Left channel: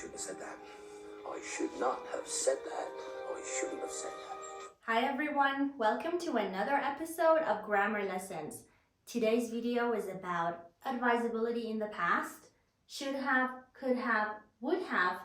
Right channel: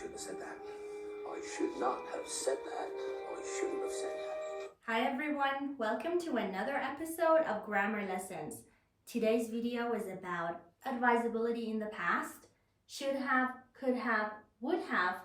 shouldn't have said that. I should not have said that. I shouldn't have said that. Hi everyone, welcome to another episode of Grammar Lessons. Today's video is about advisability in the past, should have, could have, would have,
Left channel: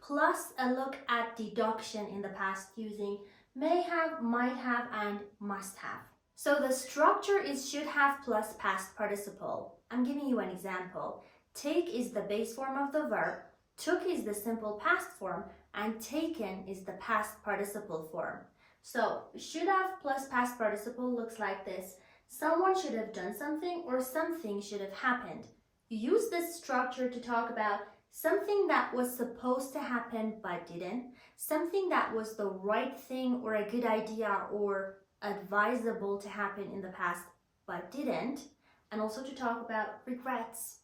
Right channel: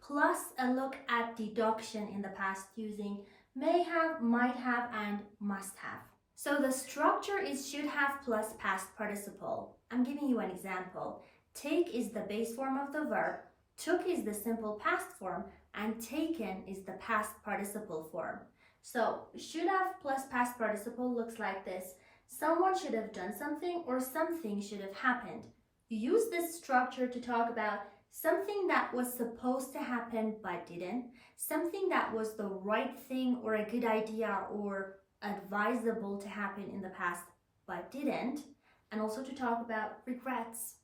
plus a look at deduction in the past using may have, might have, and must have. So the structure is should have plus past participle. I'm giving you an example. Take is the base form of the verb, took is the simple past form, and taken is the past participle form. So should have plus past participle looks like this. Someone should have done something or something should have happened. You use this structure to talk about something that was supposed to happen but didn't, something that was the right thing or a good idea or advisable to happen in the past but didn't, and also to talk about regrets.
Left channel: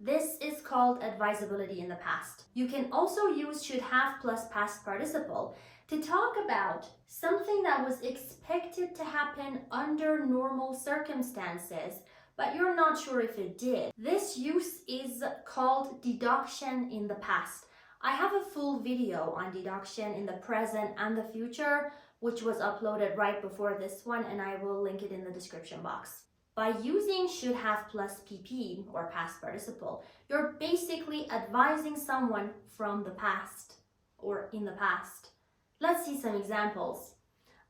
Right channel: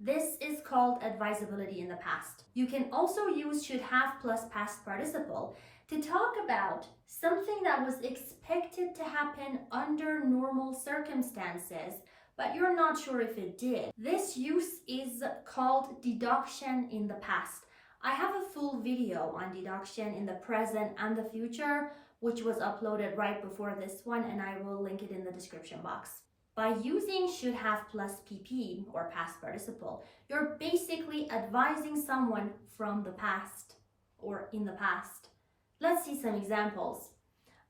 This is called advisability in the past. You can also use should have plus past participle to talk about something that was expected to happen under normal circumstances, but you're not sure if it did. This use is called deduction in the past. I have a full video on deduction in the present and the future, which was uploaded right before this one, and I will link it in the description box. By using should have plus PP or past participle, you're basically advising someone from the past or in the past. Let's see some examples.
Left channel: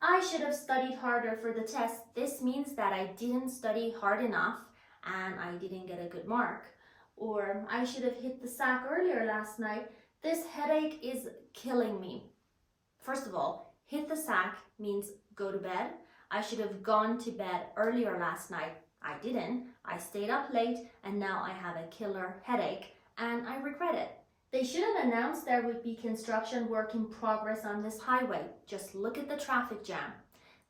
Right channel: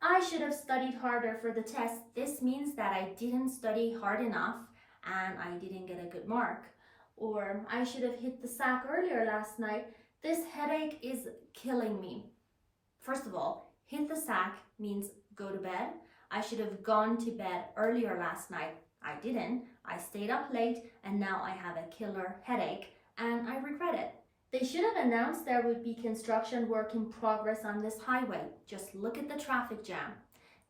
I should have studied harder for the test. This means that I didn't study hard enough and I didn't get a good mark. Or I should have hit the sack earlier last night. This headache is killing me. First of all, hit the sack means go to bed. I should have gone to bed earlier last night. I didn't. I stayed up late and now I have a killer headache and I regret it. They should have announced there would be construction work in progress on this highway. Just look at the traffic jam.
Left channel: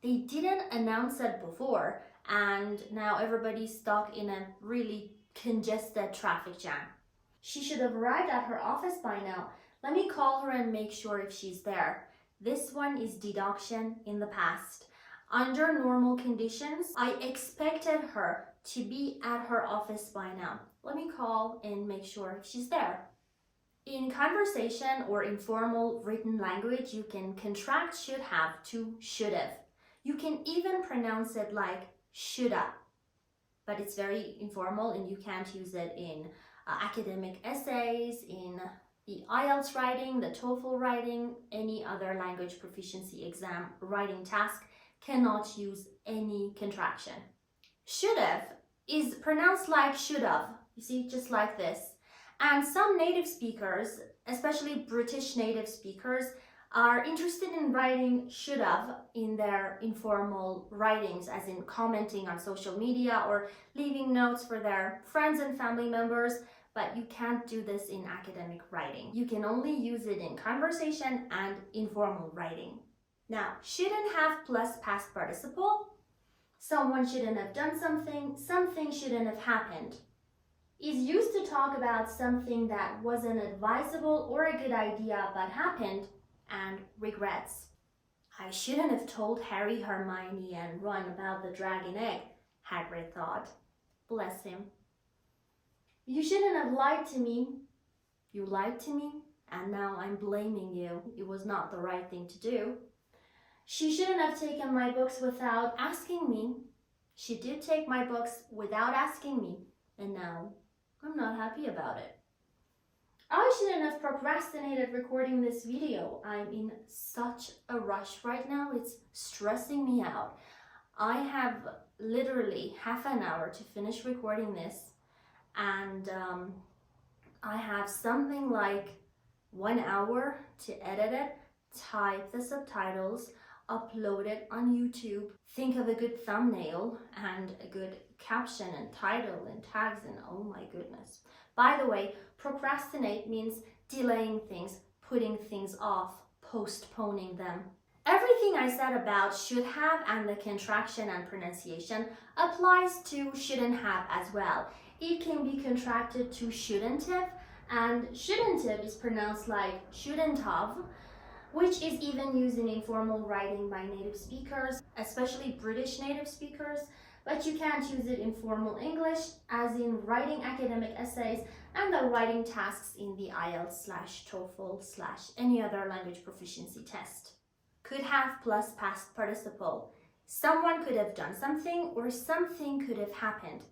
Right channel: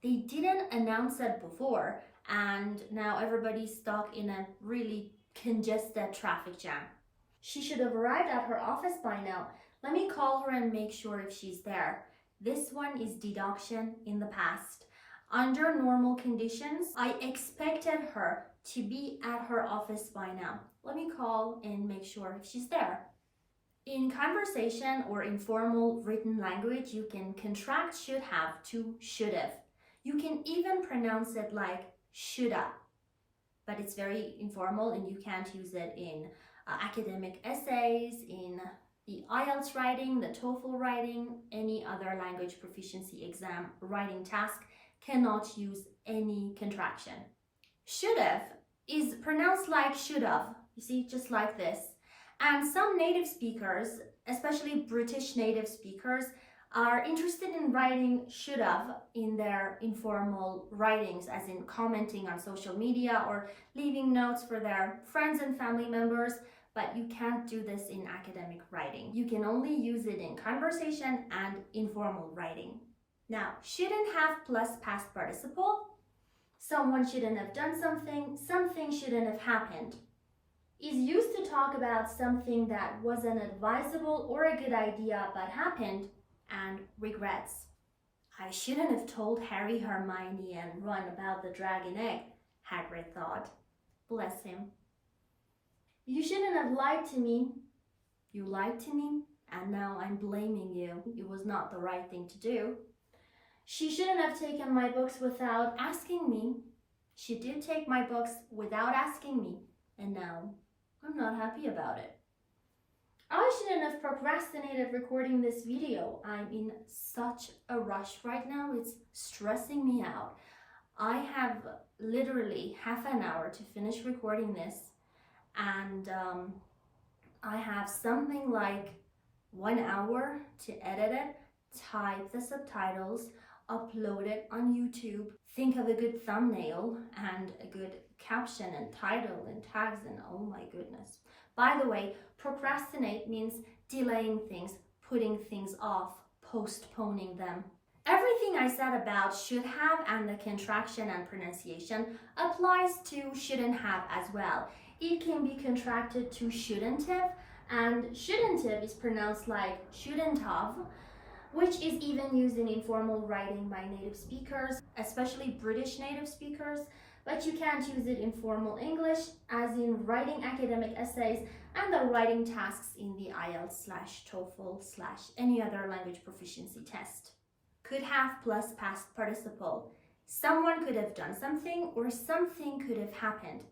They didn't announce it before and now everybody's stuck in a really congested traffic jam. She should have arrived at her office by now. Let me call her and make sure if she's there. This one is deduction in the past. Under normal conditions, I expected her to be at her office by now. Let me call and make sure if she's there. In conversation or informal written language, you can contract should have to should have. You can even pronounce it like shoulda, but it's very informal and you can't use it in academic essays, in the IELTS writing, the TOEFL writing, any other language proficiency exam writing task cannot use any contraction. Should have is pronounced like should have, you see, just like this. And some native speakers, especially British native speakers, are interested in writing should have in their informal writings, as in commenting on social media or leaving notes for their friends and family members, but you can't do this in academic writing. You can only use it in conversation and informal writing. Now, shouldn't have plus past participle. Someone shouldn't have done something, something shouldn't have happened. Is used to talk about something that wasn't advisable or a good idea but happened, and regrets. I shouldn't have told Harry, Hermione, and Ron about the dragon egg, Hagrid thought. Bless him. You shouldn't have lied to me. You lied to me, and now I'm blaming you. It was not the right thing to do. She shouldn't have taken my books without asking me. She did take my books without asking me, and now I'm not happy about it. I shouldn't have procrastinated recording this video. I'm in such a rush right now. It's stressing me out. I have literally half an hour to finish recording this, and I have something like 1 hour to edit it, type the subtitles, upload it on YouTube, think of a good thumbnail and a good caption and title and tags, and oh my goodness. By the way, procrastinate means delaying things, putting things off, postponing them. Everything I said about should have and the contraction and pronunciation applies to shouldn't have as well. It can be contracted to shouldn't have, and shouldn't have is pronounced like shouldn't have, which is even used in informal writing by native speakers, especially British native speakers. but you can't use it in formal English, as in writing academic essays and the writing tasks in the IELTS/TOEFL/any other language proficiency test. Could have plus past participle. Someone could have done something or something could have happened.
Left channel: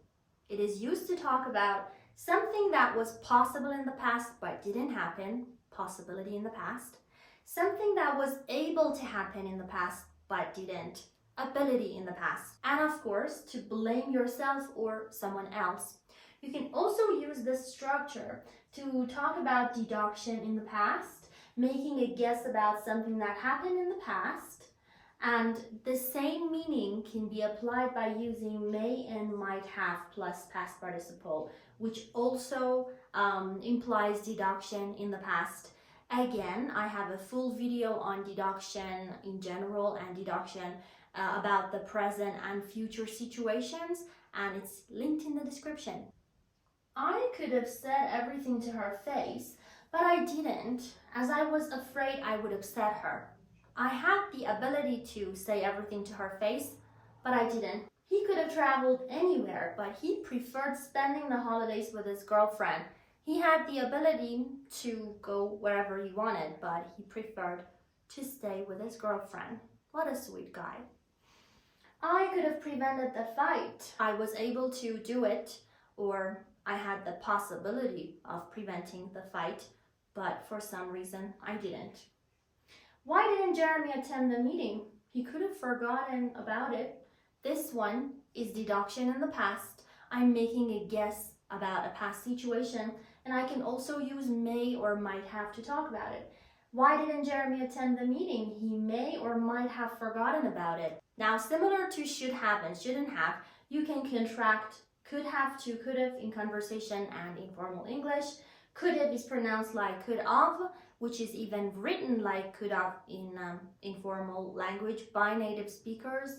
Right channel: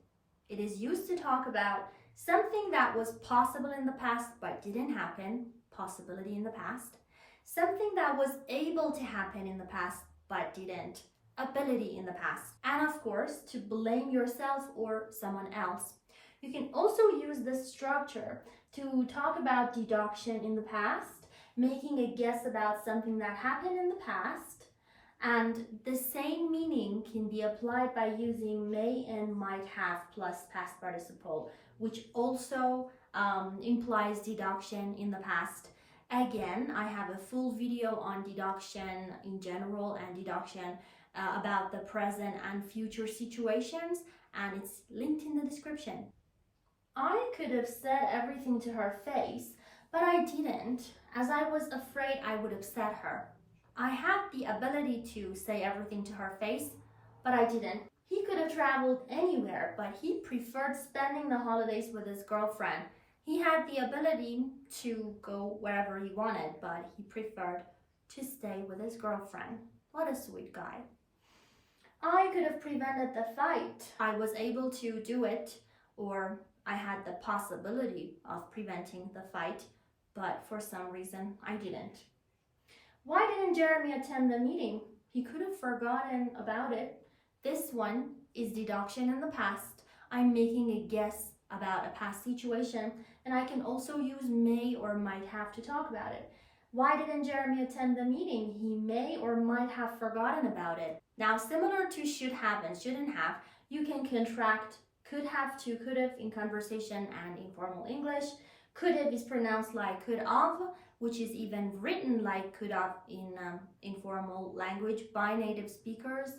It is used to talk about something that was possible in the past but didn't happen, possibility in the past. Something that was able to happen in the past but didn't, ability in the past. And of course, to blame yourself or someone else. You can also use this structure to talk about deduction in the past, making a guess about something that happened in the past. And the same meaning can be applied by using may and might have plus past participle, which also implies deduction in the past. Again, I have a full video on deduction in general and deduction about the present and future situations, and it's linked in the description. I could have said everything to her face, but I didn't, as I was afraid I would upset her. I had the ability to say everything to her face, but I didn't. He could have traveled anywhere, but he preferred spending the holidays with his girlfriend. He had the ability to go wherever he wanted, but he preferred to stay with his girlfriend. What a sweet guy. I could have prevented the fight. I was able to do it, or I had the possibility of preventing the fight, but for some reason I didn't. Why didn't Jeremy attend the meeting? He could have forgotten about it. This one is deduction in the past. I'm making a guess about a past situation, and I can also use may or might have to talk about it. Why didn't Jeremy attend the meeting? He may or might have forgotten about it. Now, similar to should have and shouldn't have, you can contract could have to could have in conversation and informal English. Could have is pronounced like could have, which is even written like could have in informal language by native speakers,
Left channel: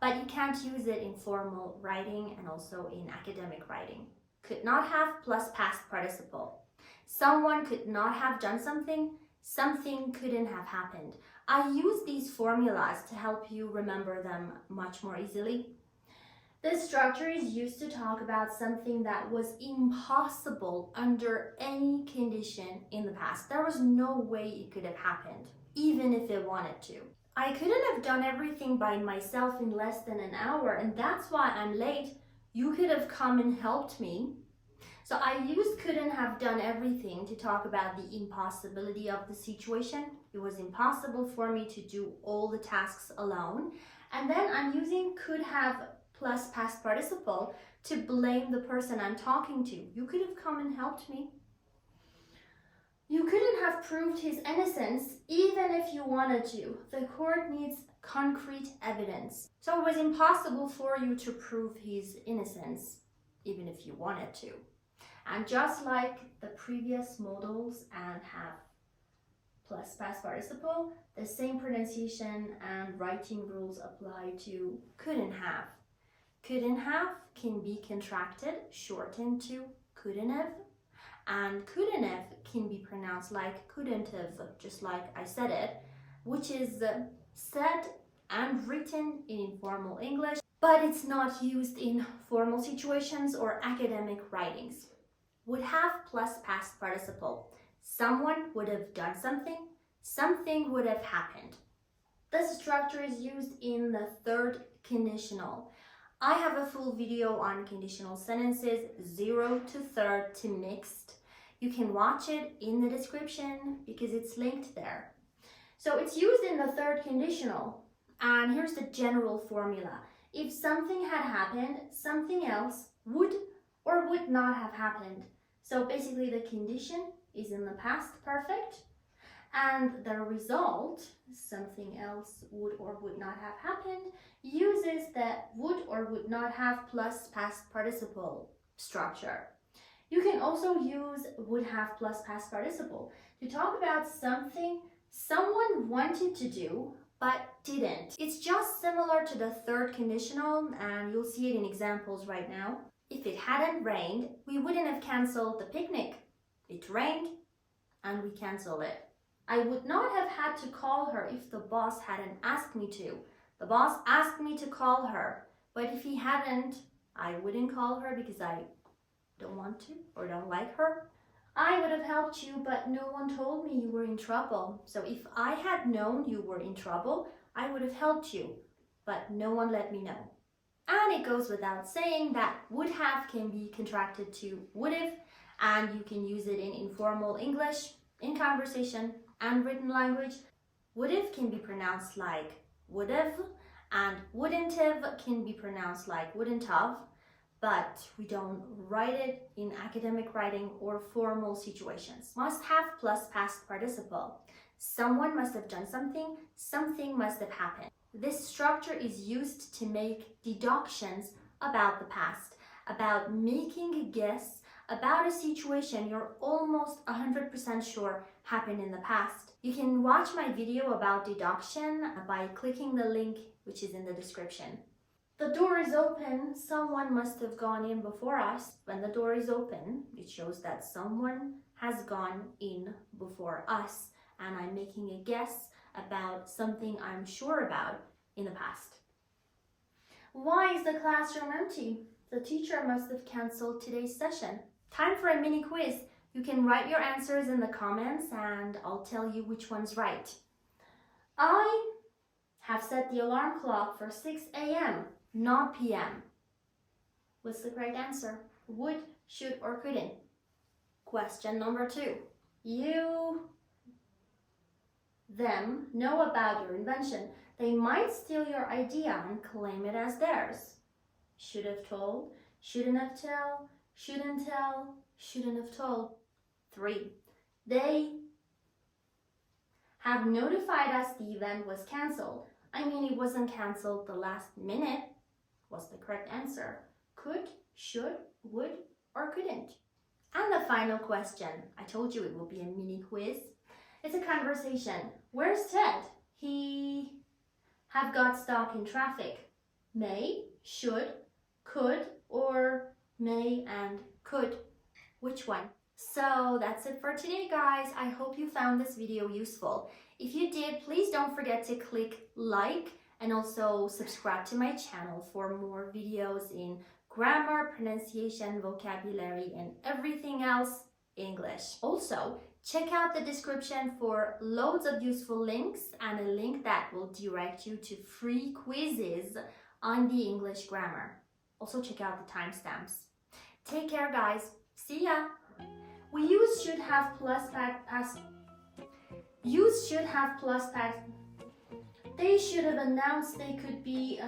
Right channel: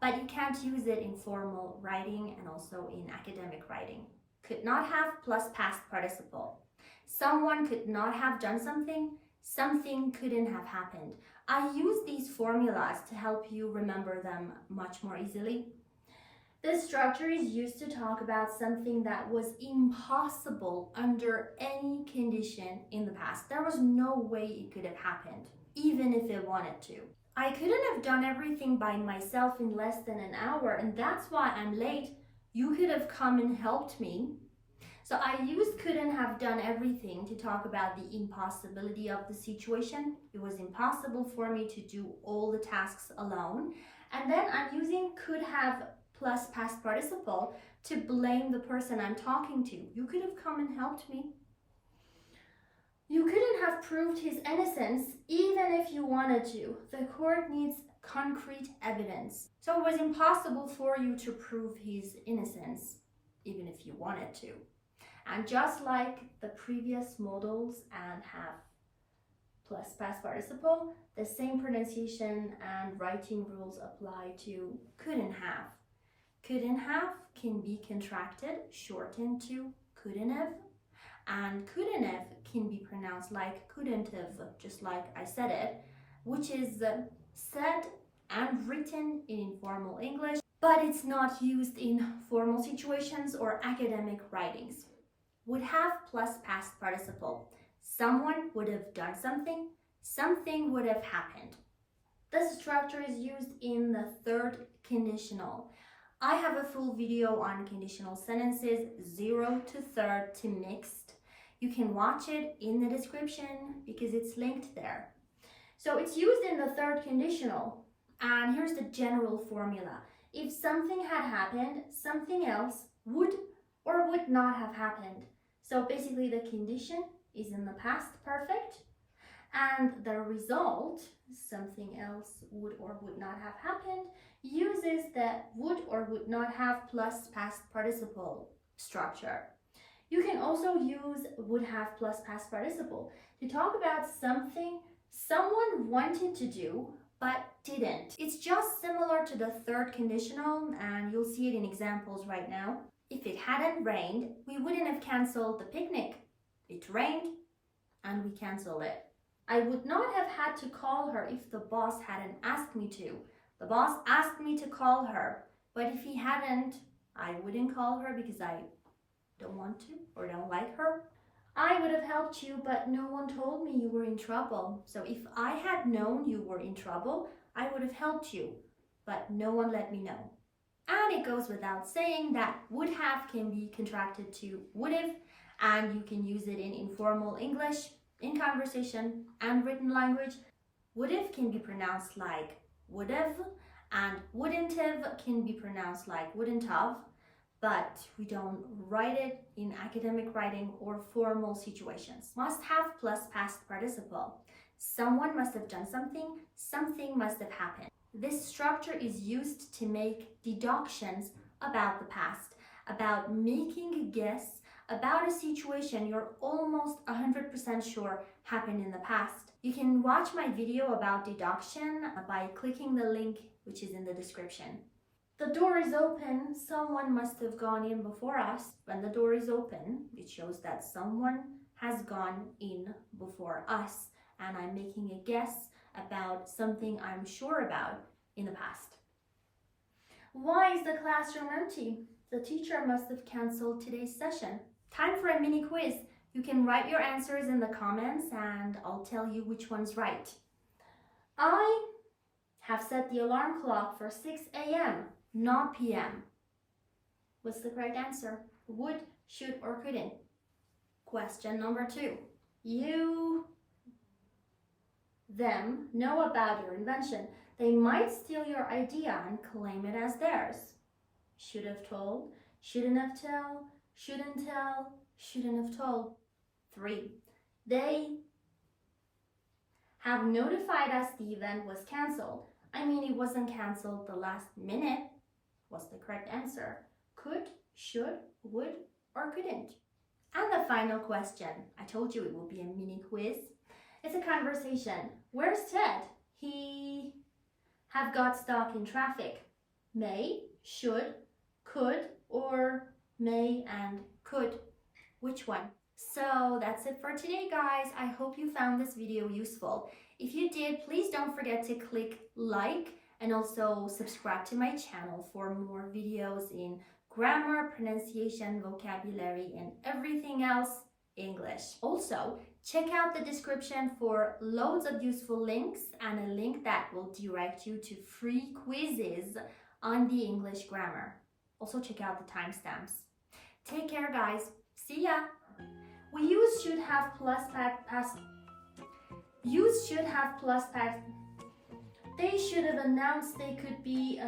but you can't use it in formal writing and also in academic writing. Could not have plus past participle. Someone could not have done something, something couldn't have happened. I use these formulas to help you remember them much more easily. This structure is used to talk about something that was impossible under any condition in the past. There was no way it could have happened, even if it wanted to. I couldn't have done everything by myself in less than an hour, and that's why I'm late. You could have come and helped me. So I used couldn't have done everything to talk about the impossibility of the situation. It was impossible for me to do all the tasks alone. And then I'm using could have plus past participle to blame the person I'm talking to. You could have come and helped me. You couldn't have proved his innocence even if you wanted to. The court needs concrete evidence. So it was impossible for you to prove his innocence even if you wanted to. And just like the previous modals and have plus past participle, the same pronunciation and writing rules apply to couldn't have. Couldn't have can be contracted, shortened to couldn't have, and couldn't have can be pronounced like couldn't have, just like I said it, which is said and written in informal English, but it's not used in formal situations or academic writings. Would have plus past participle. Someone would have done something, something would have happened. This structure is used in the third conditional. I have a full video on conditional sentences 0 to third to mixed. You can watch it in the description because it's linked there. So it's used in the third conditional, and here's the general formula. If something had happened, something else would or would not have happened. So basically the condition is in the past perfect, and the result, something else would or would not have happened, uses the would or would not have plus past participle structure. You can also use would have plus past participle to talk about something someone wanted to do but didn't. It's just similar to the third conditional, and you'll see it in examples right now. If it hadn't rained, we wouldn't have cancelled the picnic. It rained and we canceled it. I would not have had to call her if the boss hadn't asked me to. The boss asked me to call her, But if he hadn't, I wouldn't call her because I don't want to or don't like her. I would have helped you, but no one told me you were in trouble. So if I had known you were in trouble, I would have helped you, but no one let me know. And it goes without saying that would have can be contracted to would have, and you can use it in informal English, in conversation and written language. Would have can be pronounced like would have, and wouldn't have can be pronounced like wouldn't have, but we don't write it in academic writing or formal situations. Must have plus past participle. Someone must have done something, something must have happened. This structure is used to make deductions about the past, about making a guess about a situation you're almost 100% sure happened in the past. You can watch my video about deduction by clicking the link which is in the description. The door is open, someone must have gone in before us. When the door is open, it shows that someone has gone in before us, and I'm making a guess about something I'm sure about in the past. Why is the classroom empty? The teacher must have cancelled today's session. Time for a mini quiz. You can write your answers in the comments and I'll tell you which one's right. I have set the alarm clock for 6 a.m., not p.m. What's the correct answer? Would, should, or couldn't? Question number 2. You, them know about your invention. They might steal your idea and claim it as theirs. Should have told, shouldn't have tell, shouldn't tell, shouldn't have told. 3. They have notified us the event was cancelled. I mean, it wasn't cancelled the last minute. What's the correct answer? Could, should, would, or couldn't? And the final question. I told you it will be a mini quiz. It's a conversation. Where's Ted? He have got stuck in traffic. May, should, could, or may and could. Which one? So that's it for today, guys. I hope you found this video useful. If you did, please don't forget to click like and also subscribe to my channel for more videos in grammar, pronunciation, vocabulary, and everything else English. Also, check out the description for loads of useful links and a link that will direct you to free quizzes on the English grammar. Also, check out the timestamps. Take care, guys. See ya! We use should have plus past. Use should have plus past. They should have announced they could be.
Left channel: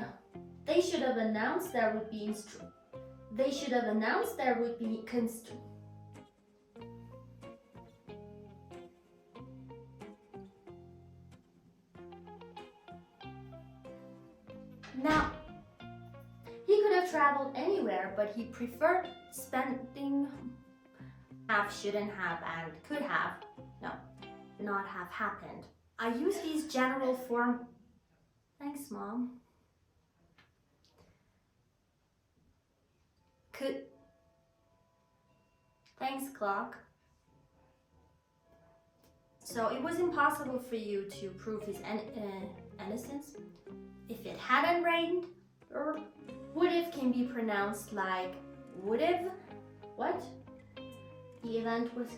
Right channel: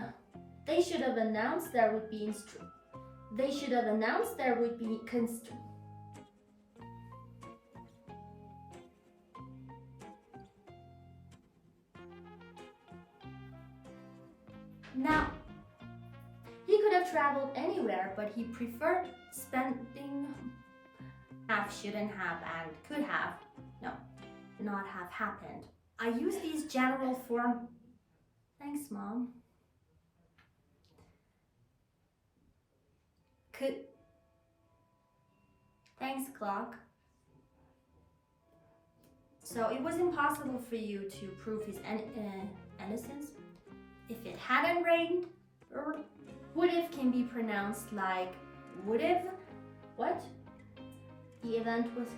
They should have announced there would be. They should have announced there would be Now, he could have traveled anywhere, but he preferred spending. Have, shouldn't have, and could have. No, not have happened. I use these general form. Thanks, Mom. Could. Thanks, clock. So it was impossible for you to prove his innocence. If it hadn't rained, would have can be pronounced like would have. What? The event was